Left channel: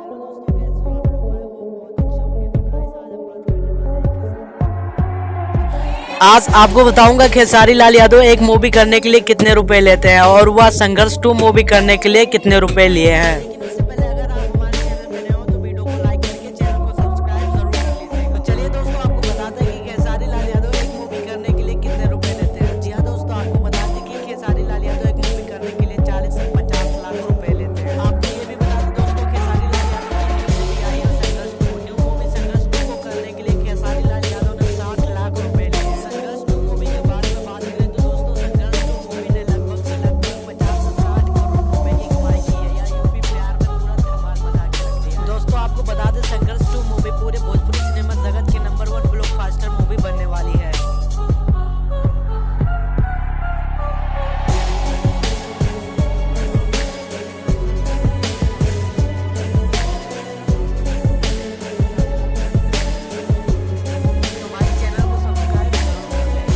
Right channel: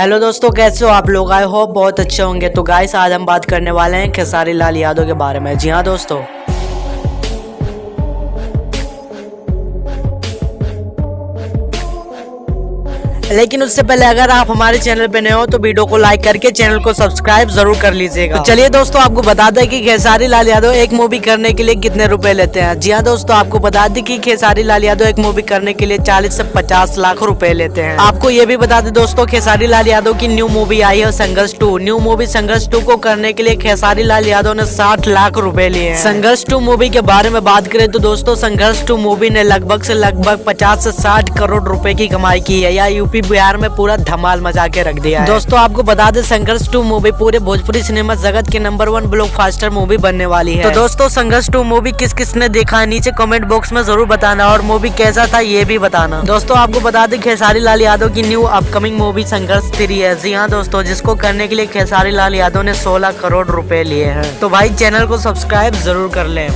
Hello दोस्तों, कैसे हो आप लोग? आई होप बहुत अच्छे होंगे। तो गाइस, आज हम बात करने वाले हैं खेसारी लाल यादव के बारे में। जी हाँ दोस्तों, आज आपको बताऊंगा खेसारी लाल यादव एक मूवी करने के लिए कितने रुपए लेते हैं और वह संघर्ष 2 मूवी करने के लिए कितने रुपए लिए हैं। लेकिन उससे पहले अगर आप हमारे चैनल पे नए हो तो वीडियो को लाइक करके चैनल को सब्सक्राइब जरूर कर लीजिएगा। तो चलिए दोस्तों, आपको बता दें कि खेसारी लाल यादव एक मूवी करने के लिए कितने रुपए लेते हैं। जी हाँ दोस्तों, आपको बता दें कि खेसारी लाल यादव एक मूवी करने के लिए 40 से 50 लाख रुपए लेते हैं। आपको ये भी बता दें दोस्तों, खेसारी लाल यादव की न्यू मूवी आई है संघर्ष 2। न्यू मूवी संघर्ष 2 को करने के लिए खेसारी लाल यादव ने 60 लाख रुपए लिए हैं। संघर्ष 2 मूवी के बारे में बात करें तो दोस्तों, संघर्ष 2 मूवी ने लगभग 50 से 60 करोड़ रुपए की कमाई की है। या यूपी बिहार में पूरा धमाल मचा के रख दिया है। दोस्तों आपको बता दें, संघर्ष 2 मूवी पूरे भोजपुरी सिनेमा जगत के नंबर 1 ब्लॉकबस्टर मूवी बनने वाली है। तो दोस्तों, संघर्ष 2 मूवी किस किसने देखा है नीचे कमेंट बॉक्स में जरूर बताना, और मूवी कैसा था ये भी बताना। दोस्तों आपको बता दें, खेसारी लाल यादव की न्यू अपकमिंग मूवी संघर्ष 3 है। जी हाँ दोस्तों, जिसको करने के लिए खेसारी लाल यादव ने 16 करोड़ रुपए लिए हैं। तो भाई चैनल को सब्सक्राइब जरूर कर लें।